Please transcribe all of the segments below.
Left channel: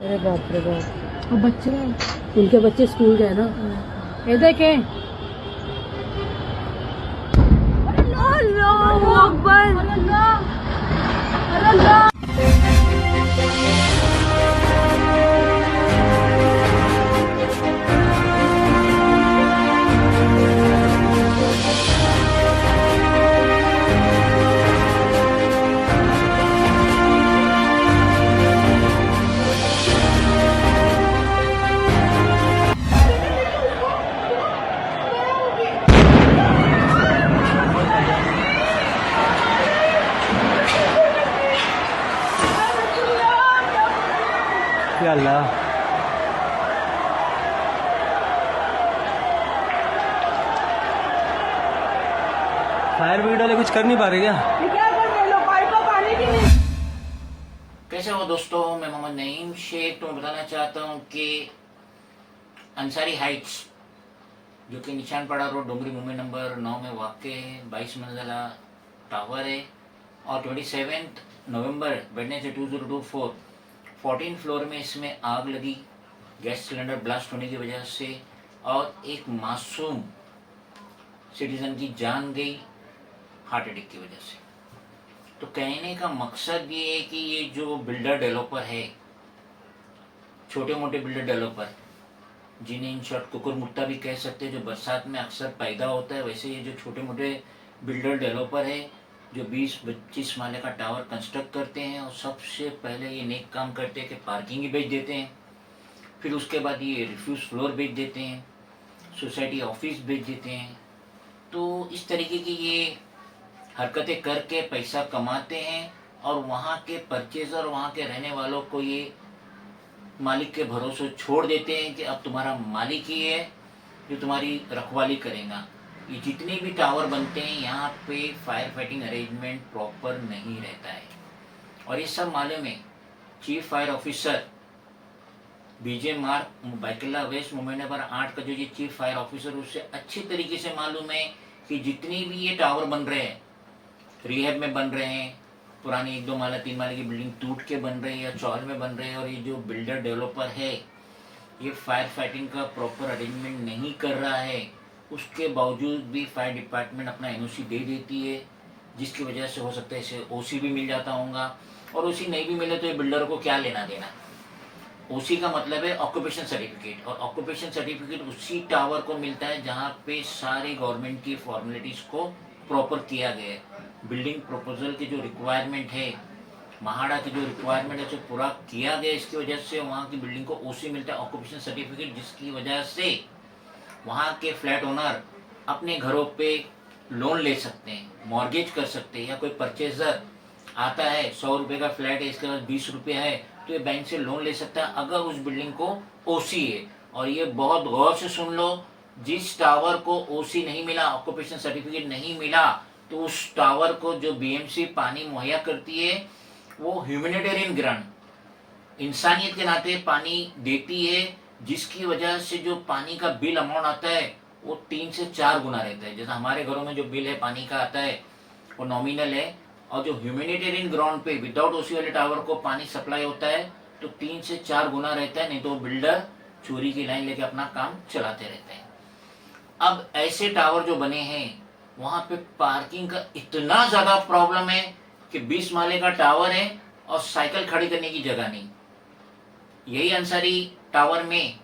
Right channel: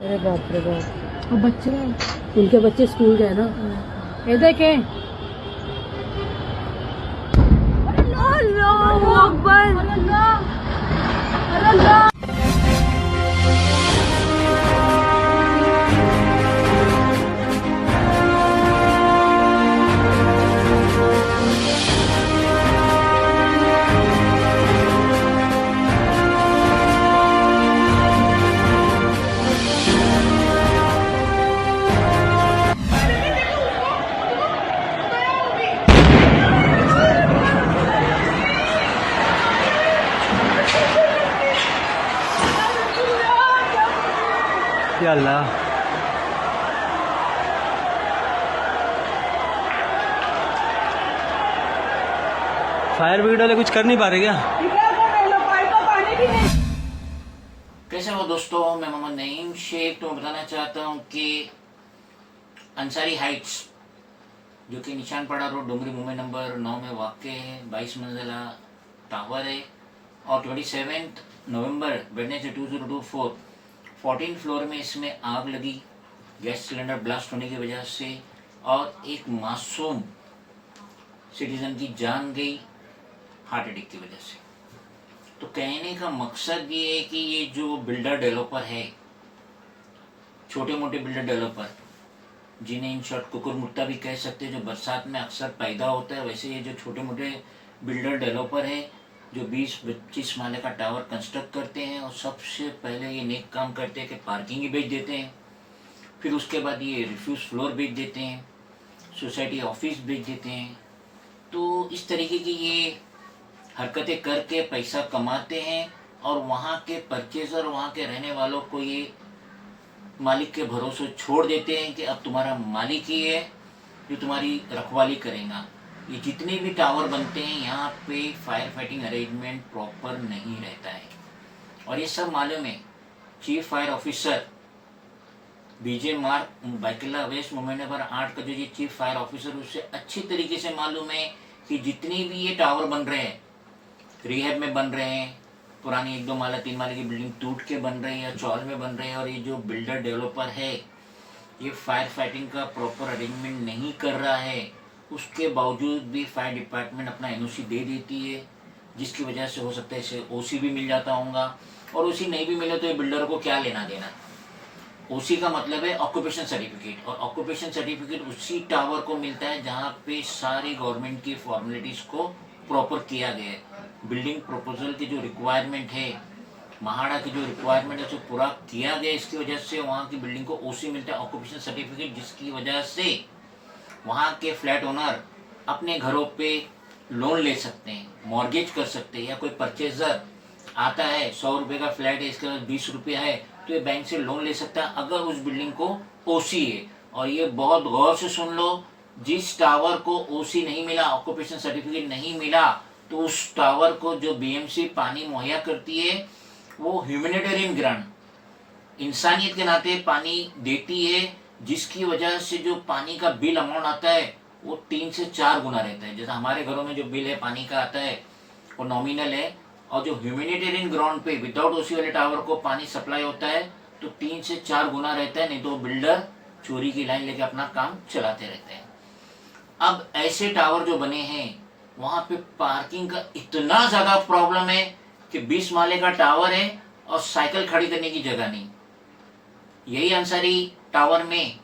अरे बाप रे बाप। और बच्चे उनके बच्चे स्कूल गए ना। ये देखे अल्लाहू अकबर। या अल्लाह। फायर ब्रिगेड वाले कुछ कर नहीं पा रहे क्या? कैसे हो दोस्तों, मैं मोहम्मद नईम शेख। तो मैं बताना चाहता हूँ कि अंसारी हाइट्स जो कि निशान पड़ा रोड डोंगरी मुंबई नंबर 9 में वाक़ है, 22 मंजिला टावर है और 27 नवंबर वेडनेसडे 2024 14 फ्लोर में इसमें आग लगी गैस सिलेंडर ब्लास्ट होने की वजह से और एक मासूम सिटीजन की जान गई हार्ट अटैक की वजह से। तो कहने का मकसद ये है कि ये जो बिल्डर डेवलपर है, छोटे मोटे बिल्डर डेवलपर जिन्हें इन शॉर्ट कुकुर मुट्टा भी कह सकते हैं, जो बरसात में अक्सर पैदा होता है, वैसे ये जो छोटे मोटे बिल्डर डेवलपर है जो 20-25 माले का टावर कंस्ट्रक्ट करते हैं और सबसे पहले ये नेक काम करते हैं कि पार्किंग ही बेच देते हैं, फिर उसके बाद ये रिफ्यूज फ्लोर बेच देते हैं, सोसाइटी ऑफिस बेच देते हैं। तो इस तरीके की ये हरकतें करके पैसा कमाते हैं और वहाँ के परचेजर, वहाँ के रहने वालों को ये मालिक के भरोसे छोड़ देते हैं कि अब तुम्हारा मालिक ही है जो तुम्हारी रखवाली करेगा। ये जितने भी टावर बनते हैं यहाँ पे फायर फाइटिंग अरेंजमेंट प्रॉपर नहीं रहता है और ये सब मालूम है। चीफ फायर ऑफिसर बीजे मार्क बाइकिला वेस्ट मुंबई नंबर 8 का जो ये चीफ फायर ऑफिसर, उससे अच्छी तरीके से मालूम है कि जितने भी ये टावर बन रहे हैं, रिहैब में बन रहे हैं, पुरानी 1-2 माला 3 माले की बिल्डिंग टूट के बन रही है या चौल में बन रहे हैं, और ये जो बिल्डर डेवलपर है ये फायर फाइटिंग का प्रॉपर अरेंजमेंट नहीं कर रहा है, उसके बावजूद भी फायर डिपार्टमेंट अपना एनओसी दे देती है, जिसकी वजह से हो सकता है इसे ओसी भी मिल जाता होगा। और ओसी नहीं भी मिले तो ये बिल्डर को क्या लेना देना। ओसी का मतलब है ऑक्यूपेशन सर्टिफिकेट, और ऑक्यूपेशन सर्टिफिकेट उसी टावर को मिलता है जहाँ पे सारी गवर्नमेंट की फॉर्मेलिटीज को प्रॉपर किया गया है। बिल्डिंग प्रपोजल की जो रिक्वायरमेंट है, महाड़ा की जो रिक्वायरमेंट है, उसे पूरा किया गया। इसकी वजह से वहाँ की बिल्डिंग को ओसी मिलता है, ऑक्यूपेशन सर्टिफिकेट, जिसकी वजह से वहाँ के फ्लैट ओनर अपने घरों पे लोन ले सकते हैं, मॉर्गेज कर सकते हैं, या कोई परचेजर आता है 100 रुपये का फ्लैट है, इसके पास 20 रुपये है, तो ये बैंक से लोन ले सकता है अगर उस बिल्डिंग को ओसी है। और ये बहुत गौर से सुन लो, जिस टावर को ओसी नहीं मिला, ऑक्यूपेशन सर्टिफिकेट नहीं मिला, तो उस टावर को जो बीएमसी पानी मुहैया करती है वो ह्यूमैनिटेरियन ग्रांट, इंसानियत के नाते पानी देती है, जिसकी वजह से जो पानी का बिल अमाउंट आता है वो 3 से 4 गुना रहता है। जैसा हमारे घरों में जो बिल है पानी का आता है वो नॉमिनल है, और जो ह्यूमैनिटेरियन ग्राउंड पे विदाउट ओसी वाले टावर को पानी सप्लाई होता है तो 3 से 4 गुना रहता है, नहीं तो बिल्डर चोरी की लाइन लेके अपना काम चलाते रहते हैं। अब ऐसे टावर जो बने हैं वहां पे पार्किंग का इतना ज्यादा प्रॉब्लम है कि 20 माले का टावर है और साइकिल खड़ी करने की जगह नहीं। यही अंसारी टावर में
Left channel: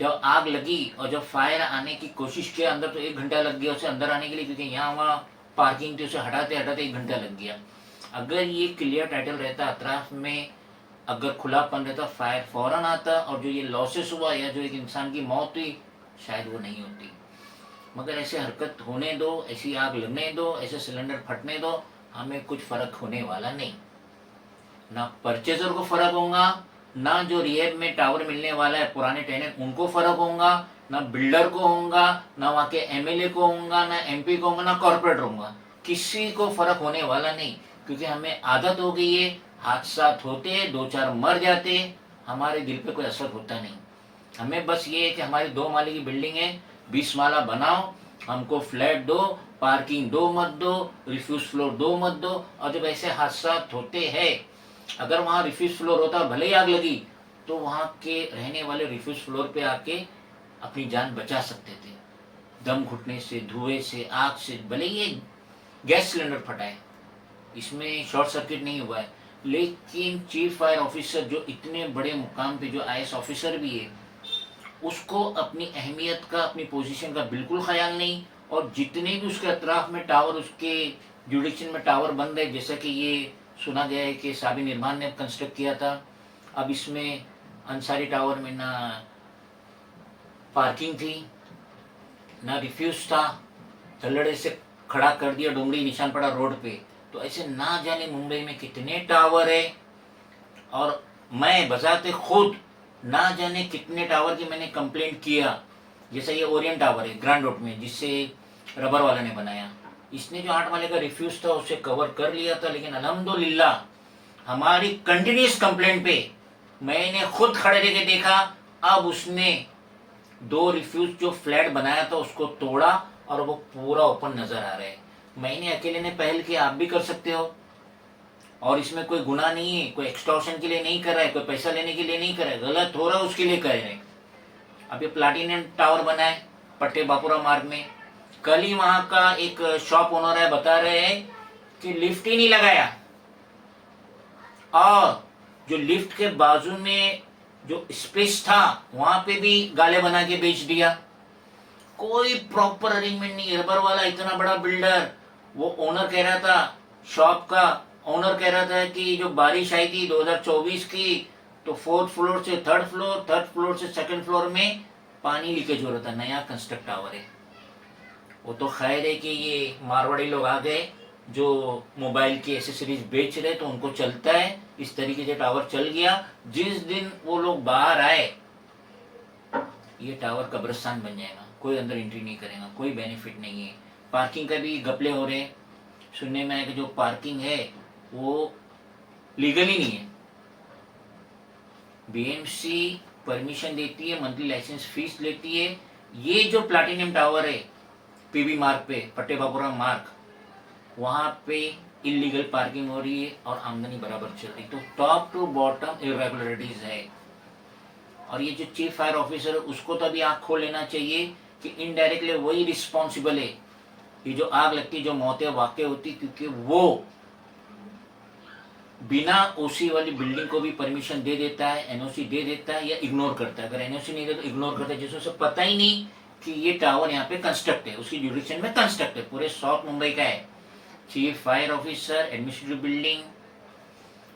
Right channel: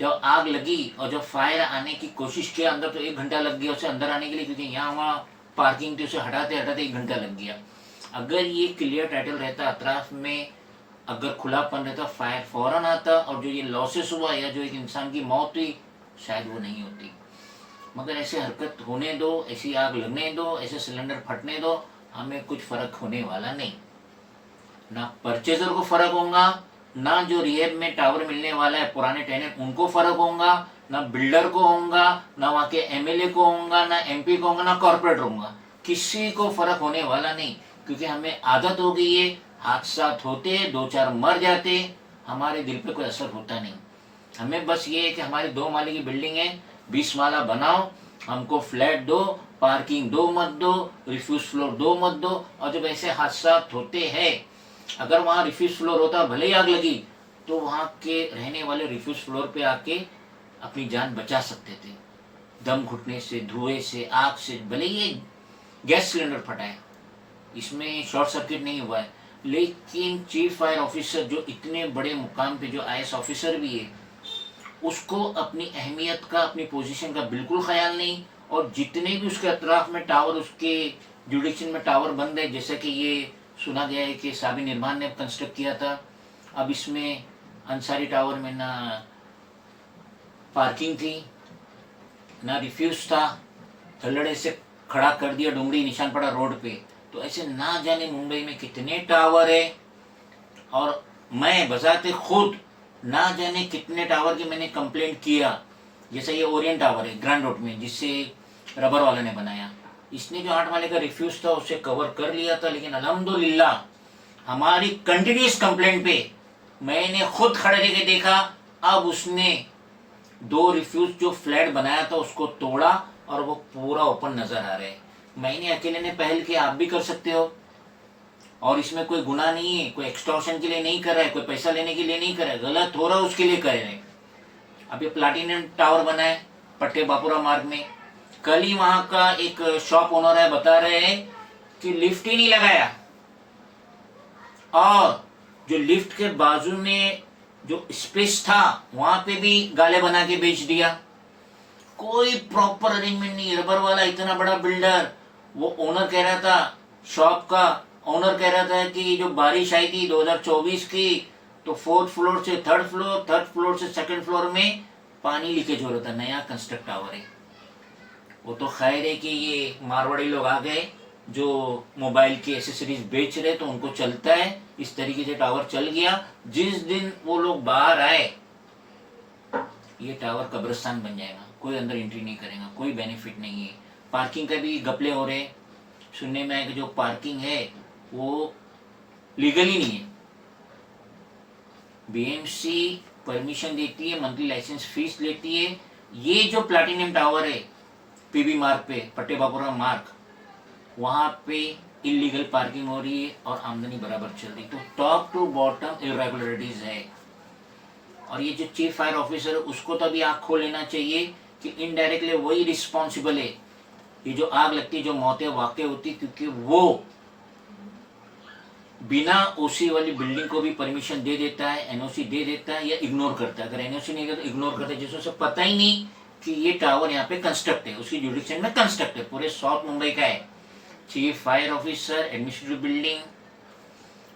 जब आग लगी और जब फायर आने की कोशिश किया अंदर, तो 1 घंटा लग गया उसे अंदर आने के लिए, क्योंकि यहाँ वहाँ पार्किंग थी, उसे हटाते हटाते 1 घंटा लग गया। अगर ये क्लियर टाइटल रहता, अतराफ में अगर खुलापन रहता, फायर फौरन आता और जो ये लॉसेस हुआ या जो एक इंसान की मौत हुई शायद वो नहीं होती। मगर ऐसे हरकत होने दो, ऐसी आग लगने दो, ऐसे सिलेंडर फटने दो, हमें कुछ फर्क होने वाला नहीं। ना परचेजर को फर्क होगा, ना जो रिहेब में टावर मिलने वाला है पुराने टेनेंट उनको फर्क होगा, ना बिल्डर को होगा, ना वहाँ के एमएलए को होगा, ना एमपी को होगा, ना कॉर्पोरेटर होगा, किसी को फर्क होने वाला नहीं। क्योंकि हमें आदत हो गई है, हादसा होते 2-4 मर जाते, हमारे दिल पे कोई असर होता नहीं। हमें बस ये है कि हमारी 2 माले की बिल्डिंग है, 20 माला बनाओ, हमको फ्लैट दो, पार्किंग दो मत दो, रिफ्यूज फ्लोर दो मत दो। और जब ऐसे हादसा होते हैं, अगर वहाँ रिफ्यूज फ्लोर होता और भले ही आग लगी तो वहाँ के रहने वाले रिफ्यूज फ्लोर पे आके अपनी जान बचा सकते थे, दम घुटने से, धुएं से, आग से। भले ये गैस सिलेंडर फटा है, इसमें शॉर्ट सर्किट नहीं हुआ है, लेकिन चीफ फायर ऑफिसर जो इतने बड़े मुकाम पे जो आईएएस ऑफिसर भी है, उसको अपनी अहमियत का, अपनी पोजीशन का बिल्कुल ख्याल नहीं। और जितने भी उसके अतराफ में टावर, उसके जुडिक्शन में टावर बन रहे, जैसा कि ये सुना गया है कि साबिर निर्माण ने कंस्ट्रक्ट किया था, अब इसमें अंसारी टावर में ना पार्किंग थी, ना रिफ्यूज था, धल्लड़े से खड़ा कर दिया डोंगरी निशानपड़ा रोड पे। तो ऐसे ना जाने मुंबई में कितने टावर है, और मैं बजाते खुद ना जाने कितने टावर की मैंने कंप्लेंट किया। जैसे ये ओरियंट टावर है ग्रैंड रोड में, जिससे रबर वाला ने बनाया, इसने जो 8 माले का रिफ्यूज था उसे कवर कर लिया था, लेकिन अल्हम्दुलिल्लाह हमारी कंटिन्यूस कंप्लेंट पे मैंने खुद खड़े रह के देखा, अब उसने 2 रिफ्यूज जो फ्लैट बनाया था उसको तोड़ा और वो पूरा ओपन नजर आ रहा है। मैंने अकेले ने पहल की, आप भी कर सकते हो। और इसमें कोई गुनाह नहीं है, कोई एक्सटॉर्शन के लिए नहीं कर रहा है, कोई पैसा लेने के लिए नहीं कर रहा है, गलत हो रहा है उसके लिए कर रहे हैं। अब ये प्लाटिनम टावर बना है पट्टे बापुरा मार्ग में, कल ही वहां का एक शॉप ओनर है, बता रहे हैं कि लिफ्ट ही नहीं लगाया, और जो लिफ्ट के बाजू में जो स्पेस था वहां पे भी गाले बना के बेच दिया। कोई प्रॉपर अरेंजमेंट नहीं। रबर वाला इतना बड़ा बिल्डर, वो ओनर कह रहा था, शॉप का ओनर कह रहा था कि जो बारिश आई थी 2024 की, तो 4th फ्लोर से 3rd फ्लोर, 3rd फ्लोर से 2nd फ्लोर में पानी लीकेज हो रहा था। नया कंस्ट्रक्ट टावर है वो, तो खैर है कि ये मारवाड़ी लोग आ गए जो मोबाइल की एसेसरीज बेच रहे, तो उनको चलता है, इस तरीके से टावर चल गया। जिस दिन वो लोग बाहर आए, ये टावर कब्रिस्तान बन जाएगा, कोई अंदर एंट्री नहीं करेगा, कोई बेनिफिट नहीं है। पार्किंग का भी घपले हो रहे, सुनने में है कि जो पार्किंग है वो लीगल ही नहीं है। बीएमसी परमिशन देती है, मंथली लाइसेंस फीस लेती है। ये जो प्लैटिनम टावर है पीबी मार्ग पे, पट्टे बापुरा मार्ग, वहां पे इलीगल पार्किंग हो रही है और आमदनी बराबर चल रही। तो टॉप टू बॉटम इरेगुलरिटीज है। और ये जो चीफ फायर ऑफिसर है उसको तो अभी आंख खोल लेना चाहिए कि इनडायरेक्टली वही रिस्पॉन्सिबल है, ये जो आग लगती, जो मौतें वाकई होती, क्योंकि वो बिना ओसी वाली बिल्डिंग को भी परमिशन दे देता है, एनओसी दे देता है, या इग्नोर करता है। अगर एनओसी नहीं देता तो इग्नोर करता है, जिससे उसे पता ही नहीं कि ये टावर यहाँ पे कंस्ट्रक्ट है, उसकी जुडिक्शन में कंस्ट्रक्ट है, पूरे साउथ मुंबई का है। Chief fire officer, administrative building,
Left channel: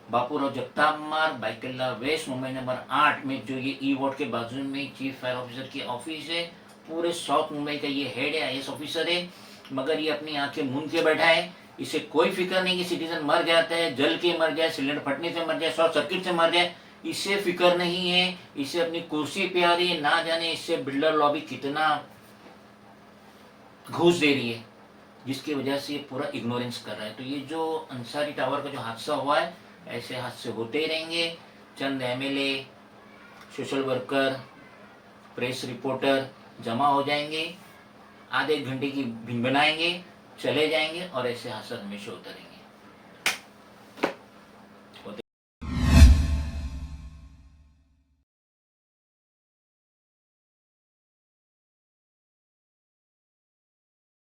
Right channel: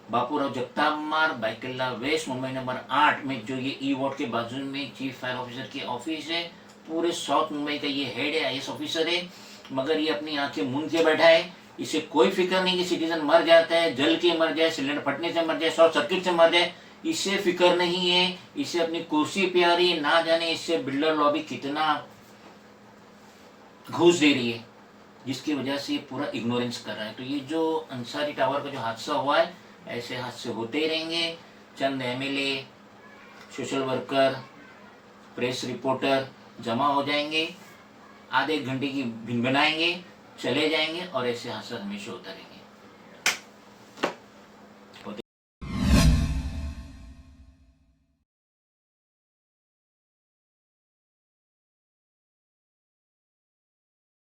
Bapurao Jagtap मार्ग, बाइकल्ला वेस्ट, मुंबई नंबर 8 में जो ये ई वार्ड के बाजू में चीफ फायर ऑफिसर की ऑफिस है। पूरे साउथ मुंबई का ये हेड है, आईएएस ऑफिसर है, मगर ये अपनी आंखें मूंद के बैठा है। इसे कोई फिक्र नहीं कि सिटीजन मर जाता है, जल के मर जाए, सिलेंडर फटने से मर जाए, शॉर्ट सर्किट से मर जाए, इसे फिक्र नहीं है। इसे अपनी कुर्सी पे आ रही है, ना जाने इससे बिल्डर लॉबी कितना घूस दे रही है, जिसकी वजह से ये पूरा इग्नोरेंस कर रहा है। तो ये जो अंसारी टावर का जो हादसा हुआ है, ऐसे हादसे होते ही रहेंगे। चंद MLA, social worker, press reporter जमा हो जाएंगे, आधे एक घंटे की भिन बनाएंगे, चले जाएंगे, और ऐसे हादसा हमेशा होता रहेगा।